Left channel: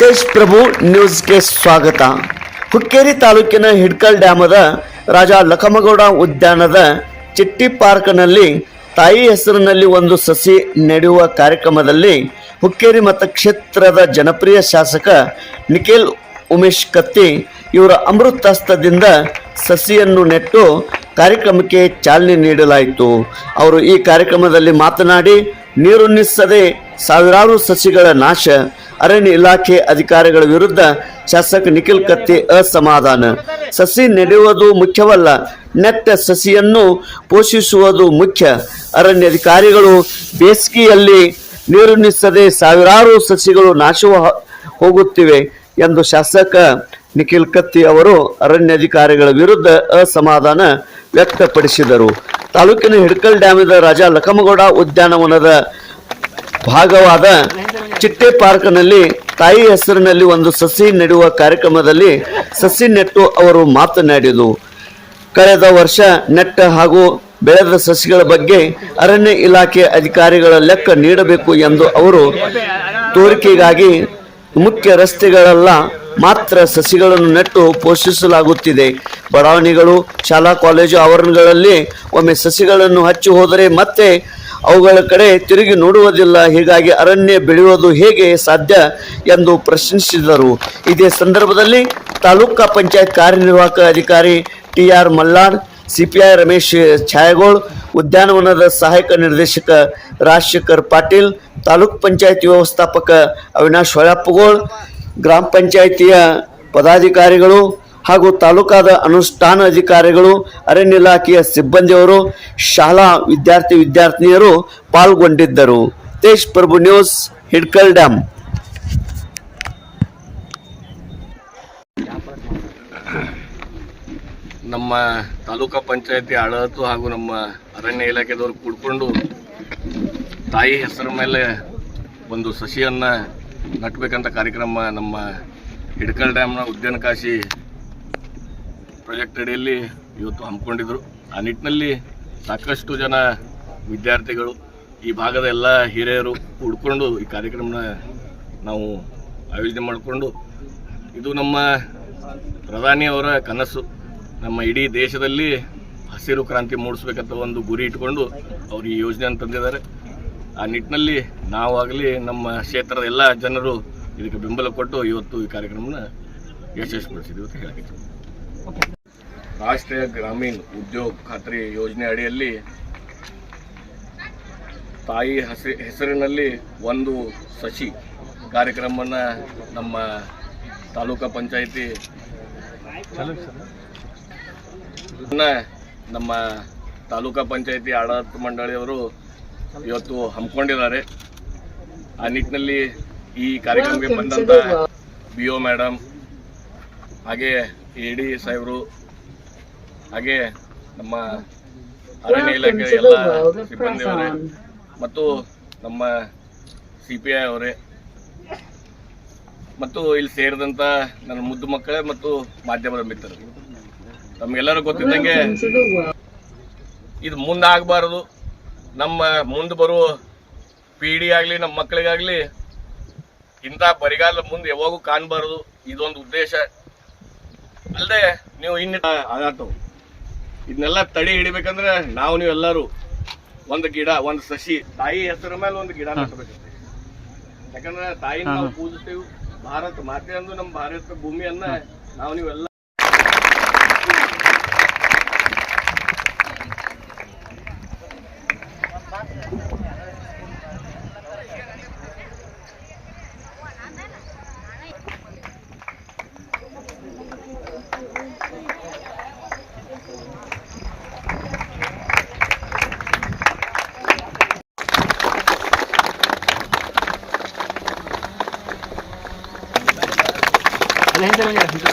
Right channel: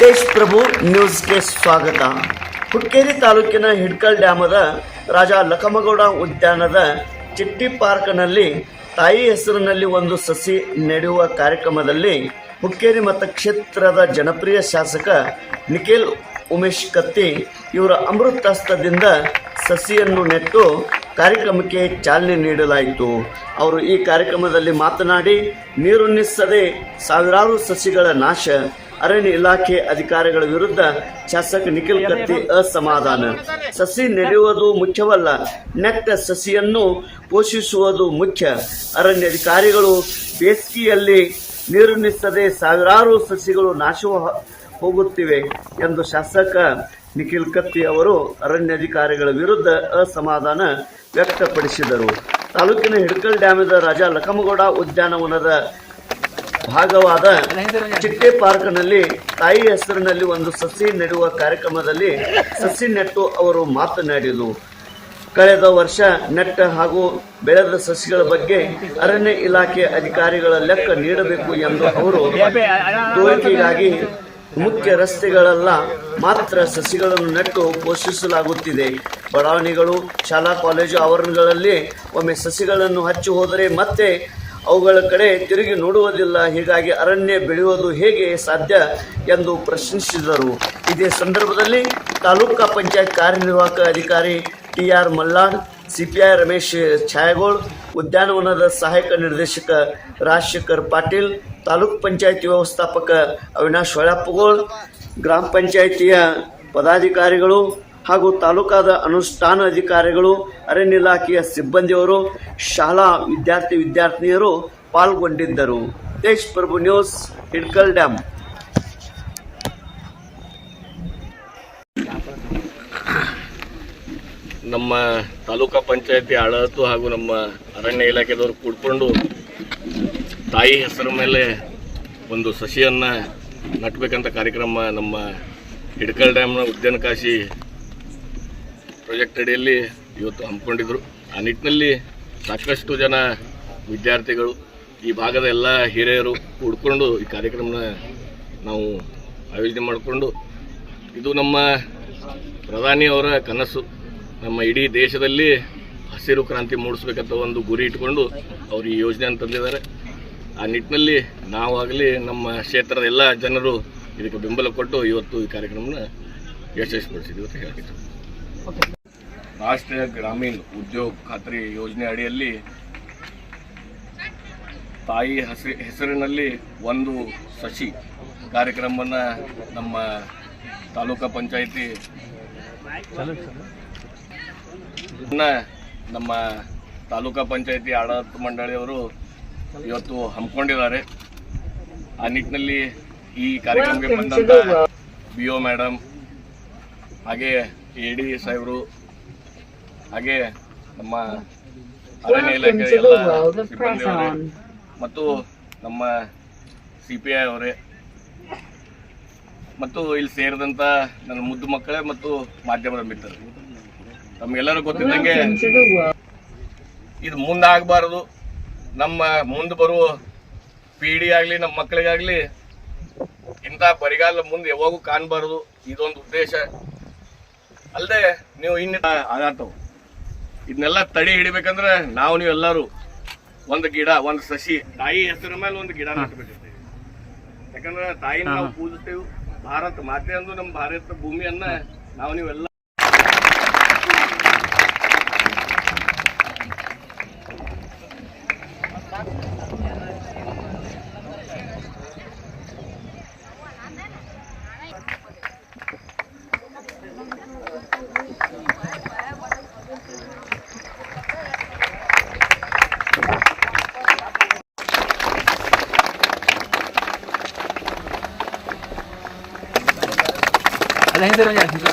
ತೇಜ್ ಪ್ರಭು ನ್ಯೂಸ್ಗೆ ಸ್ವಾಗತ. ಹುಕ್ಕೇರಿ ತಾಲೂಕಿನ ಹಿಡ್ಕಲ್ ಡ್ಯಾಮದ ರಾಜ ಲಖಮಗೌಡ ಉದ್ಯಾನದ ಚಿಟ್ಟಿ ಪಾರ್ಕ್ನಲ್ಲಿ ತಾಯಿ ಹೆಸರಿನಲ್ಲಿ ಒಂದು ಸಸಿ ನೆಡುವ ಕಾರ್ಯಕ್ರಮದಲ್ಲಿ ಹುಕ್ಕೇರಿ ಮತಕ್ಷೇತ್ರದ ಜನಪ್ರಿಯ ಶಾಸಕ ನಿಖಿಲ್ ಉಮೇಶ್ ಕತ್ತಿ ಇವರ ಅಮೃತಾಸ್ತದಿಂದ ಸಸಿಯನ್ನು ನೆಟ್ಟು ಕಾರ್ಯಕ್ರಮಕ್ಕೆ ಚಾಲನೆ ನೀಡಲಾಯಿತು. ಅವರು ಈ ಕಾರ್ಯಕ್ರಮದಲ್ಲಿ ಮಾತನಾಡಿ ನೀರುಣಿಸದೆ ಸಾವಿರಾರು ಸಸಿಗಳ ನಾಶ ಅರಣ್ಯ ಇಲಾಖೆ ಅಧಿಕಾರಿಗಳ ವಿರುದ್ಧ ಶಾಸಕ ನಿಖಿಲ್ ಕತ್ತಿ ಅಸಮಾಧಾನ. ಸಸಿ ನೆಡುವುದು ಮುಖ್ಯವಲ್ಲ, ನೆಟ್ಟ ಸಸಿಯನ್ನು ಪೋಷಿಸುವುದು ಮುಖ್ಯ. ಅರಣ್ಯ ಅಧಿಕಾರಿಗಳು ಬೇಸಿಗೆಯಲ್ಲಿ ನೀರುಣಿಸದೆ ಸಾವಿರಾರು ಸಸಿಗಳು ನಾಶವ ಹೋಗುತ್ತಿವೆ ಎಂದು ಶಾಸಕ ನಿಖಿಲ್ ಕತ್ತಿ ಅವರು ಅರಣ್ಯಾಧಿಕಾರಿಗಳ ವಿರುದ್ಧ ಅಸಮಾಧಾನ ವ್ಯಕ್ತಪಡಿಸಿದರು. ತಾಲೂಕಿನ ಹಿಡ್ಕಲ್ ಡ್ಯಾಮ್ದ ರಾಜ ಲಖಮಗೌಡ ಉದ್ಯಾನವನದ ಭಾಗವಾದ ಚಿಟ್ಟೆ ಪಾರ್ಕ್ನಲ್ಲಿ ತಾಯಿ ಹೆಸರಿನಲ್ಲಿ ಒಂದು ಸಸಿ ನೆಡುವ ಕಾರ್ಯಕ್ರಮದಲ್ಲಿ ಸಸಿ ನೆಟ್ಟು ಅವರು ಮಾತನಾಡಿದರು. ಕಳೆದ ವರ್ಷ ನೆಟ್ಟ ಹಾಗೂ ಬೆಳೆದ ಸಸಿಗಳ ಬಗ್ಗೆ ಅರಣ್ಯ ಇಲಾಖೆ ಅಧಿಕಾರಿಗಳ ಲೆಕ್ಕ ನೀಡಬೇಕು ಎಂದು ಅವರು ತೋರಿಕೆಗಾಗಿ ಮುಖ್ಯ ರಸ್ತೆಗಳೆಲ್ಲ ಮಾತ್ರ ಸಸಿಗಳನ್ನು ನೆಟ್ಟು ಪೋಷಿಸಲಾಗುತ್ತಿದೆ. ಬಡಾವಣೆಗಳು, ಶಾಲಾ, ಕಾಲೇಜು ಆವರಣಗಳಲ್ಲಿ ಒಮ್ಮೆ ಸಸಿಗಳನ್ನು ಹಚ್ಚಿ ಹೋದರೆ ಮತ್ತೆ ಅವುಗಳ ಕಡೆ ತಿರುಗಿ ನೋಡುವುದಿಲ್ಲ. ಹೀಗಾಗಿ ಅರಣ್ಯ ಬೆಳೆಯುವುದು ಹೇಗೆ ಸಾಧ್ಯ ಎಂದು ಪ್ರಶ್ನಿಸಿದರು. ಇದೇ ಸಂದರ್ಭದಲ್ಲಿ ತಾಲೂಕಾ ಪಂಚಾಯತ್ ಕಾರ್ಯನಿರ್ವಾಹಕ ಅಧಿಕಾರಿ T R Mallar, CPI Ramesh Chhayagol, ಉದ್ಯಾನವನದ ಸಹಾಯಕ ನಿರ್ದೇಶಕ ರಾಜಶೇಖರ್ ಪಾಟೀಲ್, ತಾಲೂಕ್ ಪಂಚಾಯತ್ ವ್ಯವಸ್ಥಾಪಕ ಅವಿನಾಶ್ ಹೊಳಪ್ಪಗೋಳ್ ಗ್ರಾಮ ಪಂಚಾಯಿತಿಯ ಪದಾಧಿಕಾರಿಗಳು ಹಾಗೂ ತಾಲೂಕಾದ ಅನುಷ್ಠಾನ ಅಧಿಕಾರಿಗಳು ಅರಣ್ಯ ಇಲಾಖೆಯ ಸಿಬ್ಬಂದಿಯವರು, ಶಾಲಾ ವಿದ್ಯಾರ್ಥಿ ವಿದ್ಯಾರ್ಥಿನಿಯರು ಪಾಲ್ಗೊಂಡಿದ್ದರು. ತೇಜ್ ಪ್ರಭು ನ್ಯೂಸ್, ಹಿಡ್ಕಲ್ ಡ್ಯಾಮ್ ನಮ್ಮ ತಾಲೂಕಾ ಪಂಚಾಯತಿ ಆಡಳಿತ ಹಾಗೂ ನಮ್ಮ ಅರಣ್ಯ ಇಲಾಖೆದವರು ಕೂಡ್ಕೊಂಡು ತಾಯಿ ಹೆಸರು ಮೇಲೆ ಒಂದು ಸಸಿಯನ್ನು ನಟ್ಬೇಕಂತ ಕಾರ್ಯಕ್ರಮ ನಮ್ಮ ಹಿಡ್ಕಲ್ ಡ್ಯಾಮ್ನ ಉದ್ಯಾನಕಾಶಿ ಪ್ರಾಜೆಕ್ಟ್ ಅಡಿಯಲ್ಲಿ ಇವತ್ತು ಹಮ್ಮಿಕೊಂಡಿದ್ರು. ಆ ನಿಟ್ಟಿನಲ್ಲಿ ಸಾಕಷ್ಟು ಜನ ವಿದ್ಯಾರ್ಥಿಗಳು, ಈ ಭಾಗದ ಎಲ್ಲ ಹಿರಿಯರು ಕೂಡ್ಕೊಂಡು ಈ ಕಾರ್ಯಕ್ರಮನ ನಾವು ಆಯೋಜನೆ ಮಾಡಿಕೊಂಡು, ಇದು ನಮ್ಮ ಪ್ರಧಾನಿಯವರ ಕನಸು. ನಮ್ಮ ಇಡೀ ದೇಶದಲ್ಲಿ ಹಸಿರು ಕ್ರಾಂತಿ ಮೂಡಿಸ್ಬೇಕಂತ ಒಂದು ಗುರಿ ಇಟ್ಕೊಂಡು ಅವರು ಈ ಯೋಜನೆಯನ್ನು ತಂದಿದ್ದಾರೆ. ಆ ನಿಟ್ಟಿನಲ್ಲಿ ನಾವಾಗಲಿ ನಮ್ಮ ಕ್ಷೇತ್ರದ ಎಲ್ಲ ಜನರು ಇದಕ್ಕೆ ಬೆಂಬಲ ಕೊಟ್ಟು ಇವತ್ತು ಈ ಕಾರ್ಯಕ್ರಮನ ಯಶಸ್ವಿಗೊಳಿಸಿದ್ವಿ ಅಂತ ಹೇಳಕ್ಕೆ ರಾಷ್ಟ್ರೀಯ ಗ್ರಾಮೀಣ ಉದ್ಯೋಗ ಖಾತ್ರಿ ಯೋಜನೆ ಅಡಿಯಲ್ಲಿ ತಾಯಿ ಹಸಿ ಹೆಸರಿನಲ್ಲಿ ಒಂದು ಸಸಿ ಕಾರ್ಯಕ್ರಮವನ್ನು ನಮ್ಮ ತಾಲೂಕಾ ಪಂಚಾಯಿತಿ ನಮ್ಮ ತಾಲೂಕಾ ಪಂಚಾಯಿತಿ ಆಡಳಿತ ಮಂಡಳಿಯವರು ಇವತ್ತು ಹಮ್ಮಿಕೊಂಡಿದ್ದಾರೆ. ಆ ನಿಟ್ಟಿನಲ್ಲಿ ಈ ಕಾರ್ಯಕ್ರಮಕ್ಕೆ ಬಂದಂತ ಬಿ ಮೇಡಮ್ ಹಾಗೆ ಎ ಡಿ ಸಾಹೇಬರು ಹಾಗೆ ನಮ್ಮ ಅರಣ್ಯ ಇಲಾಖೆ ಎಲ್ಲ ಸಿಬ್ಬಂದಿಯವರೇ ಮತ್ತು ನಮ್ಮ ಸಿ ಪಿ ಐ ಅವರೇ. ಮತ್ತು ಇಲ್ಲಿ ಸೇರಿದಂಥ ನನ್ನ ಮುದ್ದು ಮಕ್ಕಳೇ ಮತ್ತು ಮಾಧ್ಯಮದ ಮಿತ್ರರು. ನಮಗೆಲ್ಲರೂ ಗೊತ್ತಿದ್ದಂಗೆ ಇದು ಮುಂದಾಗಬಾರದು. ನಮ್ಮ ಮುಂದೆ ಬರುವ ಪೀಡಿ ಆಗಲಿ ನಮ್ಮ ಮಕ್ಕಳಿಗಾಗಲಿ ಇಂಥ ಬರಿಗಾಲ ಮುಂದೆ ಯಾವಾಗೂ ಕಾಣಬಾರದು. ಇದೊಂದು ಉದ್ದೇಶ. ಅಲ್ಲದೆ ನೀವು ಇನ್ನಿತ ಆಗತ್ತವು ಇದನ್ನೆಲ್ಲ ತಡೆ ಹಿಡಿಬೇಕಂದ್ರೆ ನಾವು ನೀವು ಎಲ್ಲರೂ ಒಂದು ಗಿಡ ಒಂದು ಸಸಿ ತಾಯಿ ಹೆಸರ ಮೇಲೆ ಒಂದು ಗಿಡ ನಾಟಬೇಕಿರ್ತದೆ ಯಾಕಂದ್ರೆ ತಾಯಿನ ನಾವು ಪೂಜಿಸ್ತೇವೆ. ಭಾರತ ಮಾತೆ ಅಂದು ನಮ್ಮ ಭಾರತ ಭೂಮಿಯನ್ನ ನಾವು ನೀವೆಲ್ಲ 아니 핸드폰이 아니죠.